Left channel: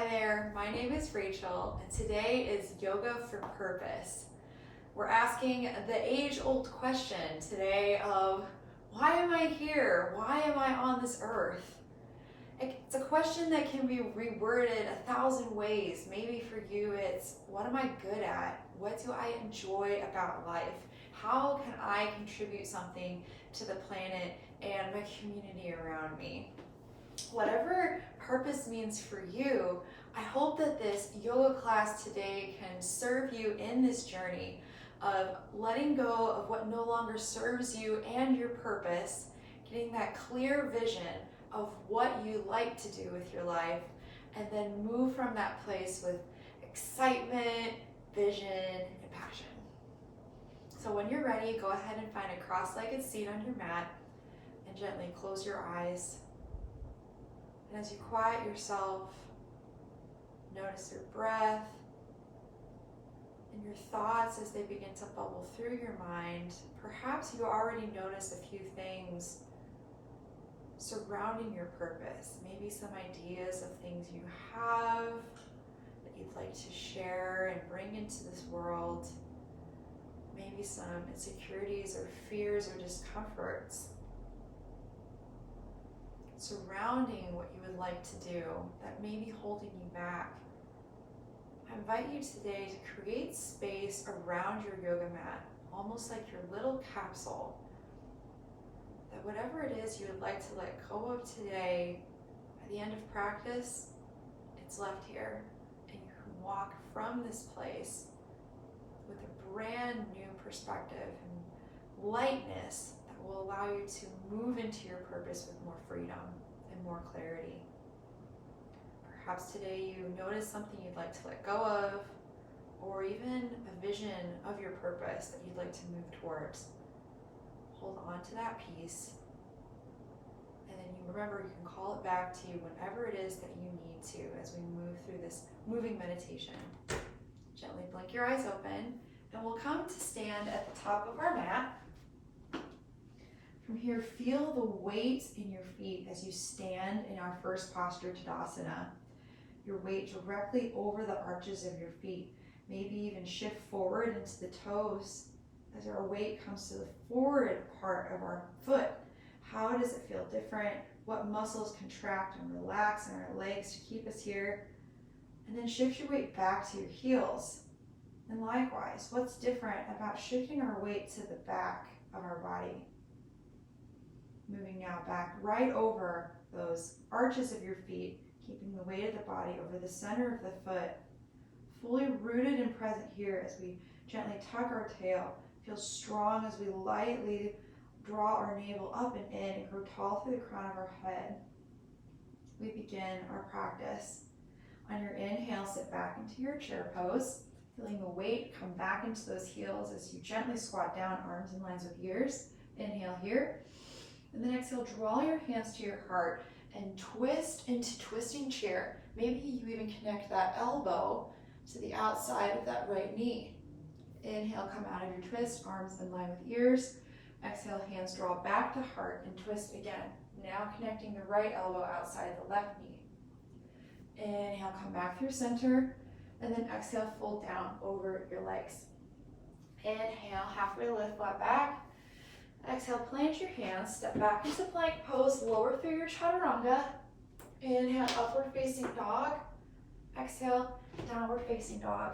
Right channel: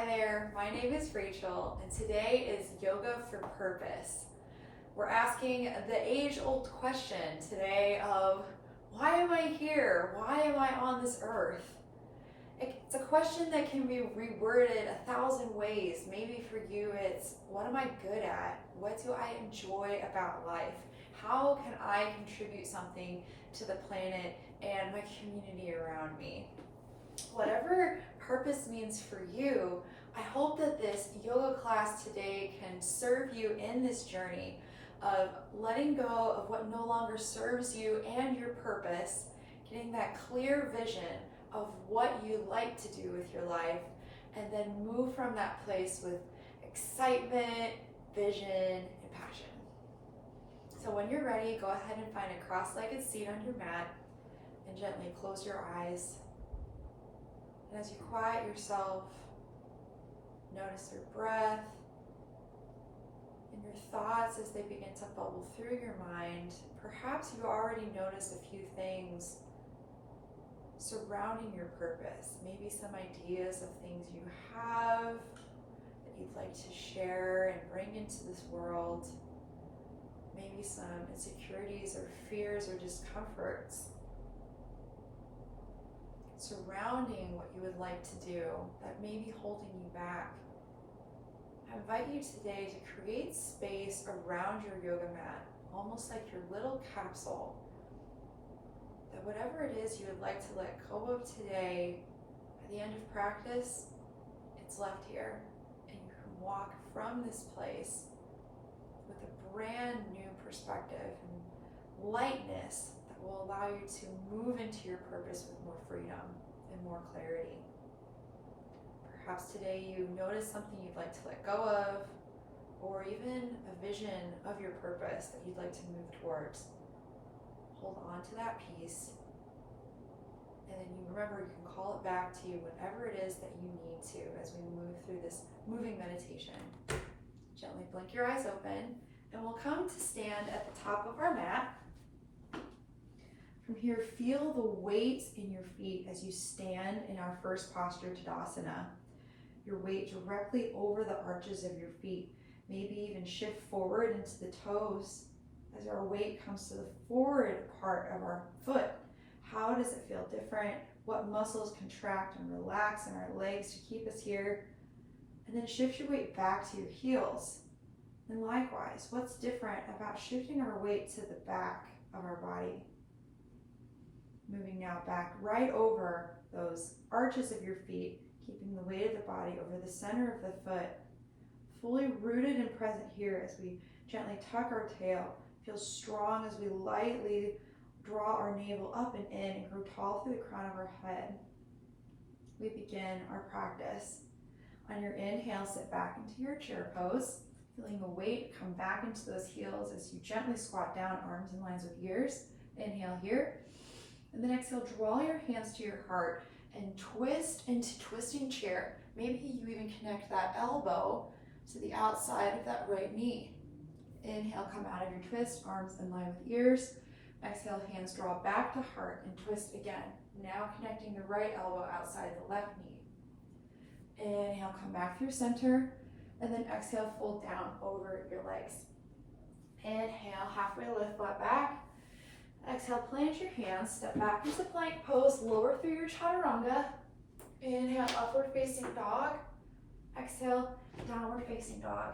Hi there, my name is Rachel, and today is Yoga for Purpose. We're asking the age-old question today of, why am I here? Why am I on this earth? It's a question that can be reworded 1,000 ways. Maybe for you it's, what am I good at? What do I enjoy about life? How can I contribute something to the planet and my community around me? Whatever purpose means for you, I hope that this yoga class today can serve you in this journey of letting go of what no longer serves you and your purpose, getting that clear vision of what you like to do with your life, and then move from that place with excitement, vision, and passion. So when you're ready, go ahead and find a cross-legged seat on your mat and gently close your eyes. And as you quiet yourself, notice your breath and your thoughts as they begin to bubble through your mind. Perhaps you already noticed a few things surrounding your purpose, maybe some ideas of things you have that you'd like to share and bring into this world, maybe some insecurities or fears or discomforts surrounding what you would like to do that may be holding you back. I invite you today to create space around your yoga mat, almost like your little capsule, that whatever it is you would like to let go of today, by the end of practice, it's left here, and you can walk from this place with a brand new perspective and lightness that will allow you to move into your purpose with more freedom and more clarity. Perhaps today you notice something you'd like to let go of, or even a vision of your purpose that you'd like to move towards. Hold on to that piece, and then you remember you can call it back to you whenever it is that you need to as we move through this moving meditation. Gently blink your eyes open, and we'll come to stand at the top of our mat. From here, feel the weight in your feet as you stand in our first posture, Tadasana. Your weight directly over the arches of your feet. Maybe even shift forward into the toes as our weight comes to the forward part of our foot. How does it feel different? What muscles contract and relax in our legs to keep us here? And then shift your weight back to your heels. And likewise, what's different about shifting our weight to the back of our body? Moving now back right over those arches of your feet, keeping the weight of the body over the center of the foot, fully rooted and present here as we gently tuck our tail, feel strong as we lightly draw our navel up and in and grow tall through the crown of our head. We begin our practice. On your inhale, sit back into your chair pose, feeling the weight come back into those heels as you gently squat down, arms in lines with ears. Inhale here. And then exhale, draw your hands to your heart and twist into twisting chair. Maybe you even connect that elbow to the outside of that right knee. Inhale, come out of your twist, arms in line with ears. Exhale, hands draw back to heart and twist again. Now connecting the right elbow outside the left knee. Inhale, come back through center, and then exhale, fold down over your legs. Inhale, halfway lift, flat back. Exhale, plant your hands, step back into plank pose, lower through your chaturanga. Inhale, upward facing dog. Exhale, downward facing dog.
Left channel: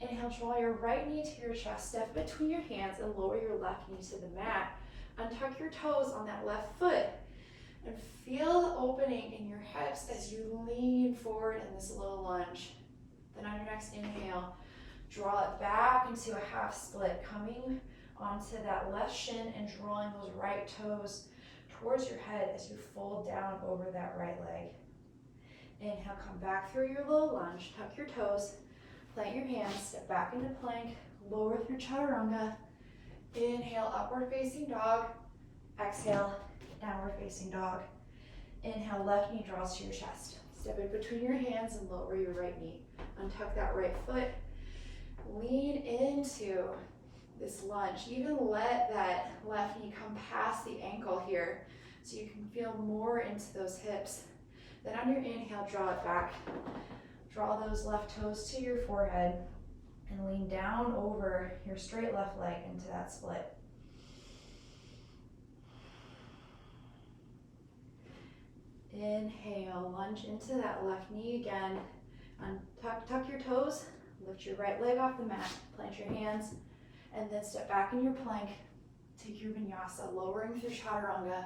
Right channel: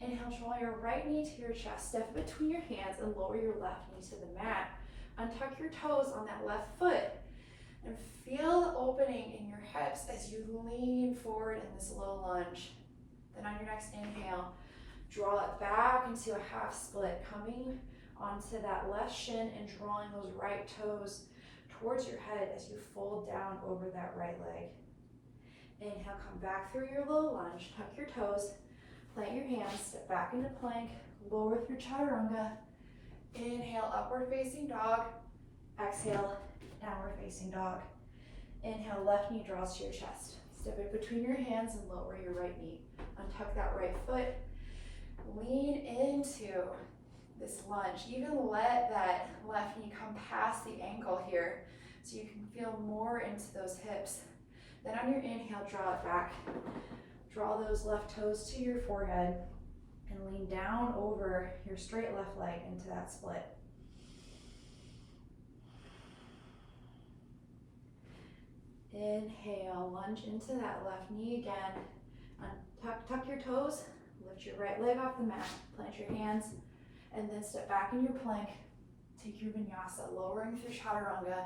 Inhale, draw your right knee to your chest, step between your hands and lower your left knee to the mat. Untuck your toes on that left foot and feel the opening in your hips as you lean forward in this little lunge. Then on your next inhale, draw it back into a half split, coming onto that left shin and drawing those right toes towards your head as you fold down over that right leg. Inhale, come back through your low lunge, tuck your toes, plant your hands, step back into plank, lower through chaturanga. Inhale, upward facing dog. Exhale, downward facing dog. Inhale, left knee draws to your chest. Step in between your hands and lower your right knee. Untuck that right foot. Lean into this lunge. Even let that left knee come past the ankle here so you can feel more into those hips. Then on your inhale, draw it back. Draw those left toes to your forehead and lean down over your straight left leg into that split. Inhale, lunge into that left knee again. Tuck your toes, lift your right leg off the mat, plant your hands, and then step back in your plank. Take your vinyasa, lowering through chaturanga.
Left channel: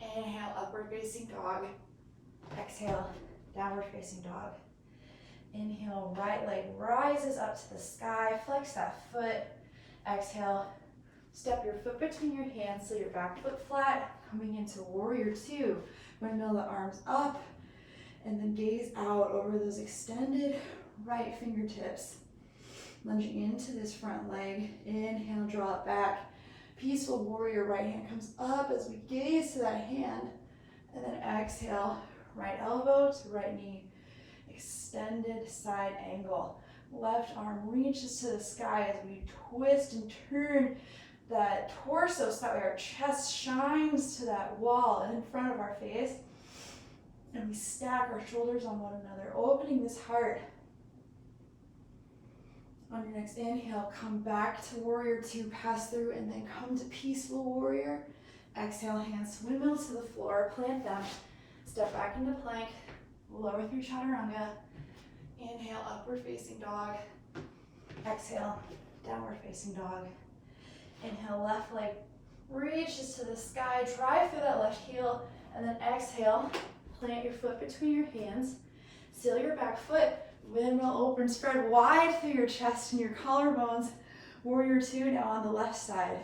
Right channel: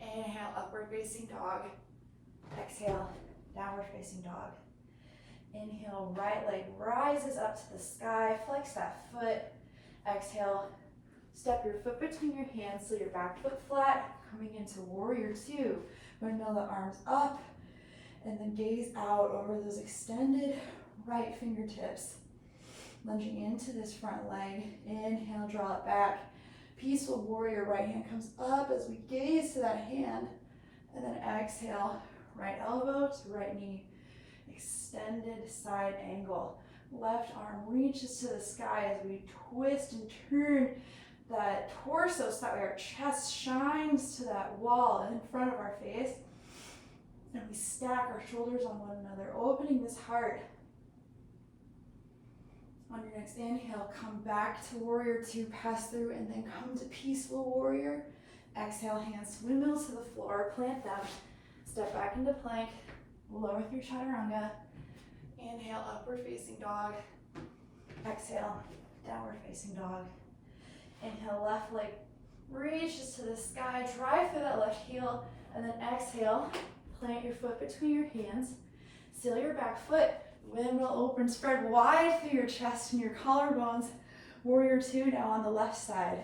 Inhale, upward facing dog. Exhale, downward facing dog. Inhale, right leg rises up to the sky, flex that foot. Exhale, step your foot between your hands so your back foot flat, coming into warrior two. Windmill the arms up, and then gaze out over those extended right fingertips. Lunging into this front leg. Inhale, draw it back. Peaceful warrior, right hand comes up as we gaze to that hand. And then exhale, right elbow to right knee. Extended side angle. Left arm reaches to the sky as we twist and turn that torso so that way our chest shines to that wall in front of our face. And we stack our shoulders on one another, opening this heart. On your next inhale, come back to warrior two, pass through, and then come to peaceful warrior. Exhale, hands to windmill to the floor, plant them. Step back into plank, lower through chaturanga. Inhale, upward facing dog. Exhale, downward facing dog. Inhale, left leg reaches to the sky, drive through that left heel, and then exhale, plant your foot between your hands, seal your back foot, windmill open, spread wide through your chest and your collarbones. Warrior two now on the left side.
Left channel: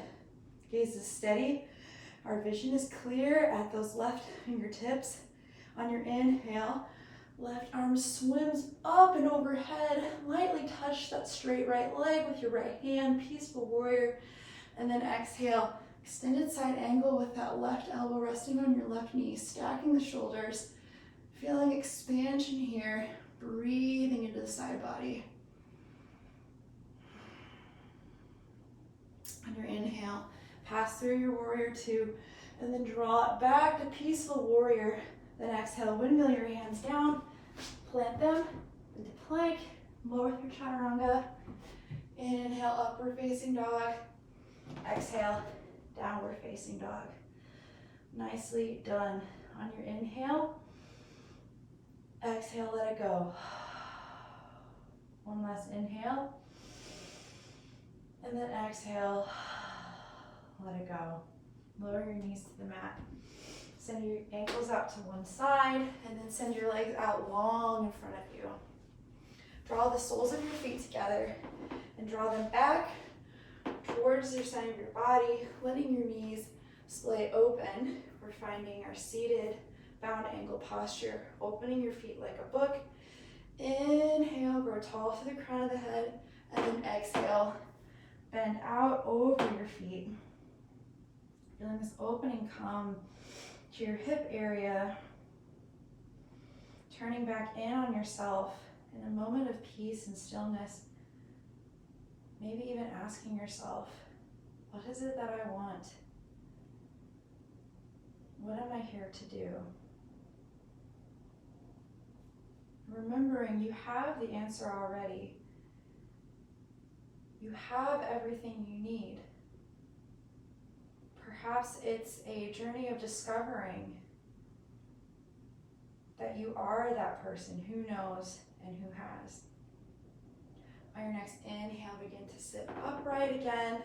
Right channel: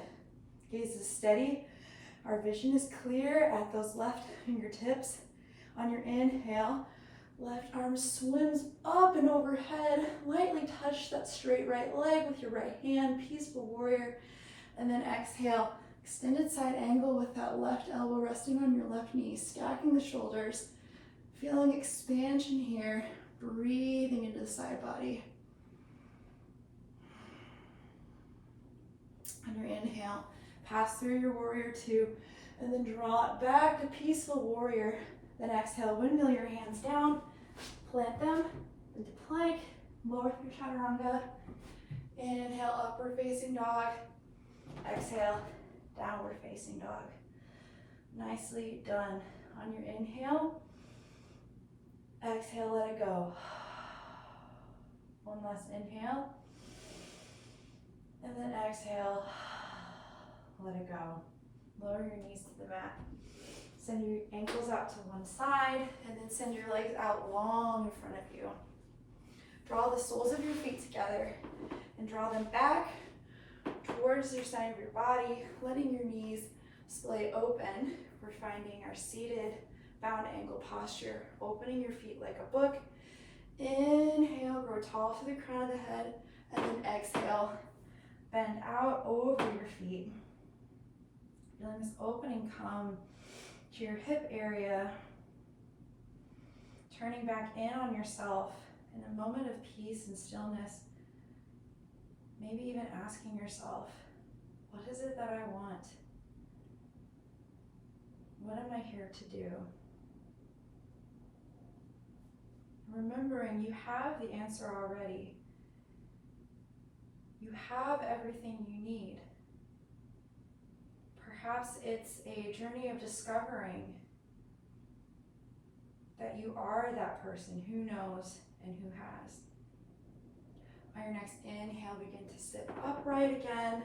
Gaze is steady, our vision is clear at those left fingertips. On your inhale, left arm swims up and overhead, lightly touch that straight right leg with your right hand, peaceful warrior. And then exhale, extended side angle with that left elbow resting on your left knee, stacking the shoulders, feeling expansion here, breathing into the side body. On your inhale, pass through your warrior two, and then draw it back to peaceful warrior. Then exhale, windmill your hands down, plant them into plank, lower through chaturanga. Inhale, upward facing dog. Exhale, downward facing dog. Nicely done. On your inhale, exhale, let it go. One last inhale. And then exhale, let it go. Lower your knees to the mat. Send your ankles out to one side, and then send your legs out long in front of you. Draw the soles of your feet together and draw them back towards your side of your body, letting your knees splay open. We're finding our seated bound angle posture, opening your feet like a book. Inhale, grow tall to the crown of the head, and then exhale, bend out over your feet. Feeling this opening come to your hip area, turning back in on yourself in a moment of peace and stillness. Maybe even asking yourself, what is it that I want? What am I here to do? Remembering you have the answer already. You have everything you need. Perhaps it's a journey of discovering that you are that person who knows and who has. On your next inhale, begin to sit upright again.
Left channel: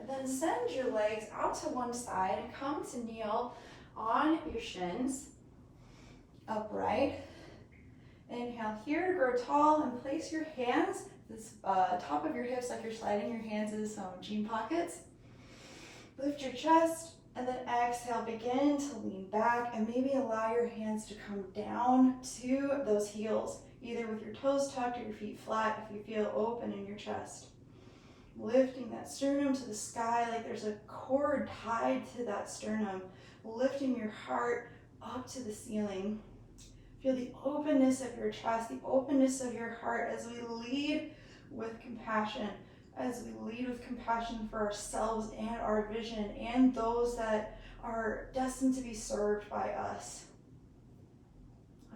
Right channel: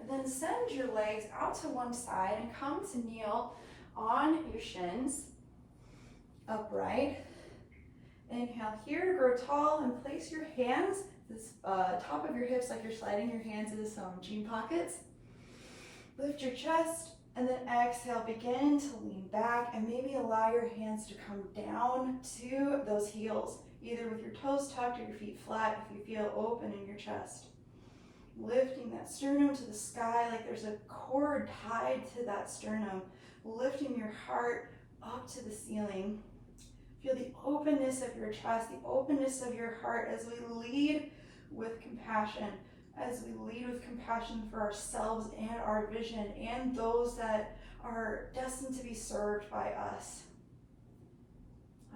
And then send your legs out to one side and come to kneel on your shins, upright. Inhale here, grow tall, and place your hands this top of your hips like you're sliding your hands into some jean pockets. Lift your chest, and then exhale, begin to lean back and maybe allow your hands to come down to those heels, either with your toes tucked or your feet flat if you feel open in your chest. Lifting that sternum to the sky like there's a cord tied to that sternum, lifting your heart up to the ceiling. Feel the openness of your chest, the openness of your heart as we lead with compassion, for ourselves and our vision and those that are destined to be served by us.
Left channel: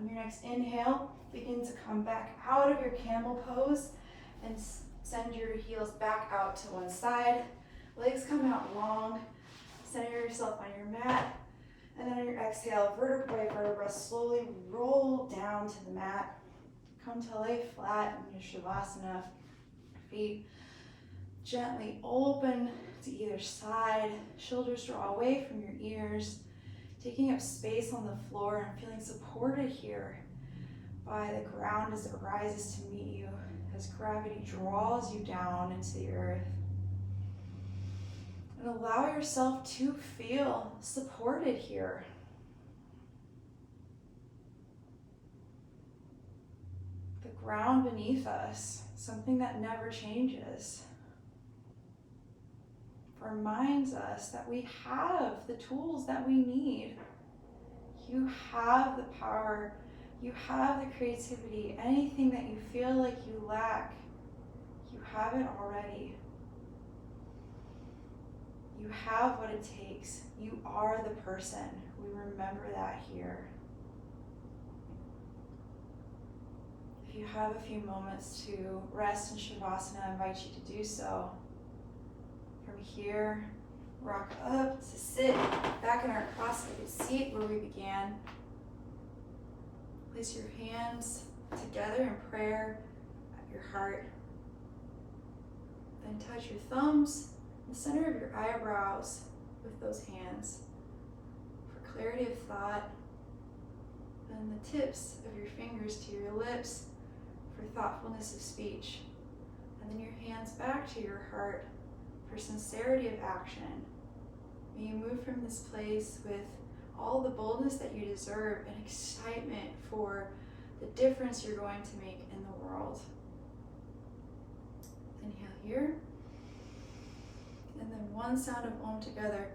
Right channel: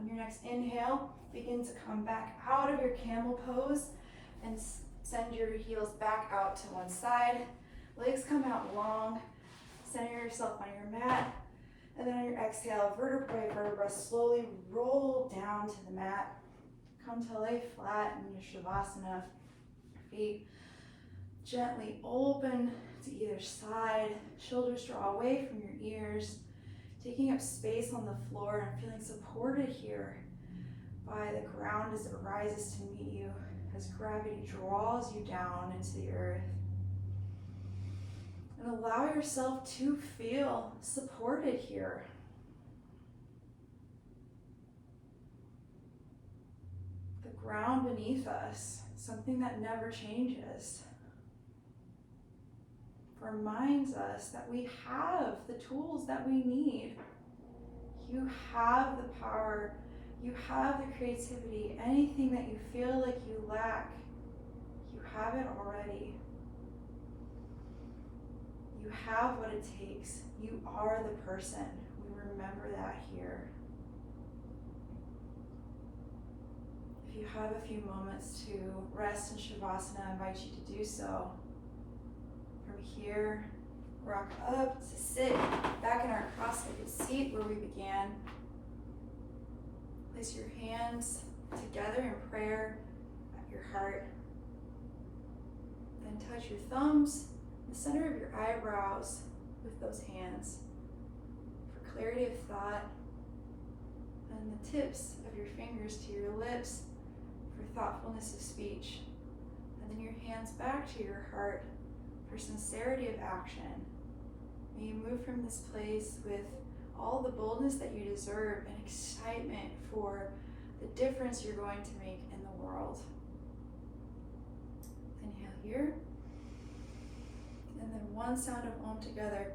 On your next inhale, begin to come back out of your camel pose and send your heels back out to one side. Legs come out long. Center yourself on your mat. And then on your exhale, vertebra by vertebra, slowly roll down to the mat. Come to lay flat in your Shavasana. Feet gently open to either side. Shoulders draw away from your ears. Taking up space on the floor and feeling supported here by the ground as it rises to meet you, as gravity draws you down into the earth. And allow yourself to feel supported here. The ground beneath us, something that never changes, reminds us that we have the tools that we need. You have the power, you have the creativity, anything that you feel like you lack, you have it already. You have what it takes. You are the person. We remember that here. If you have a few moments to rest in Shavasana, I invite you to do so. From here, rock up to sit back in our cross-legged seat where we began. Place your hands together in prayer at your heart. Then touch your thumbs in the center of your eyebrows with those hands for clarity of thought, and the tips of your fingers to your lips for thoughtfulness of speech, and then your hands back to your heart for sincerity of action. May you move from this place with all the boldness that you deserve and excitement for the difference you're going to make in the world. Inhale here. And then one sound of Om together.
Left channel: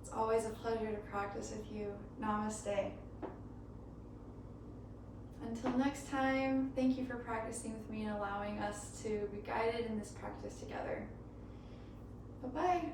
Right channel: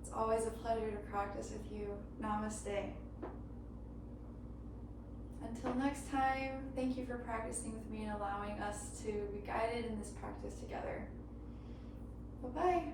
It's always a pleasure to practice with you. Namaste. Until next time, thank you for practicing with me and allowing us to be guided in this practice together. Bye-bye.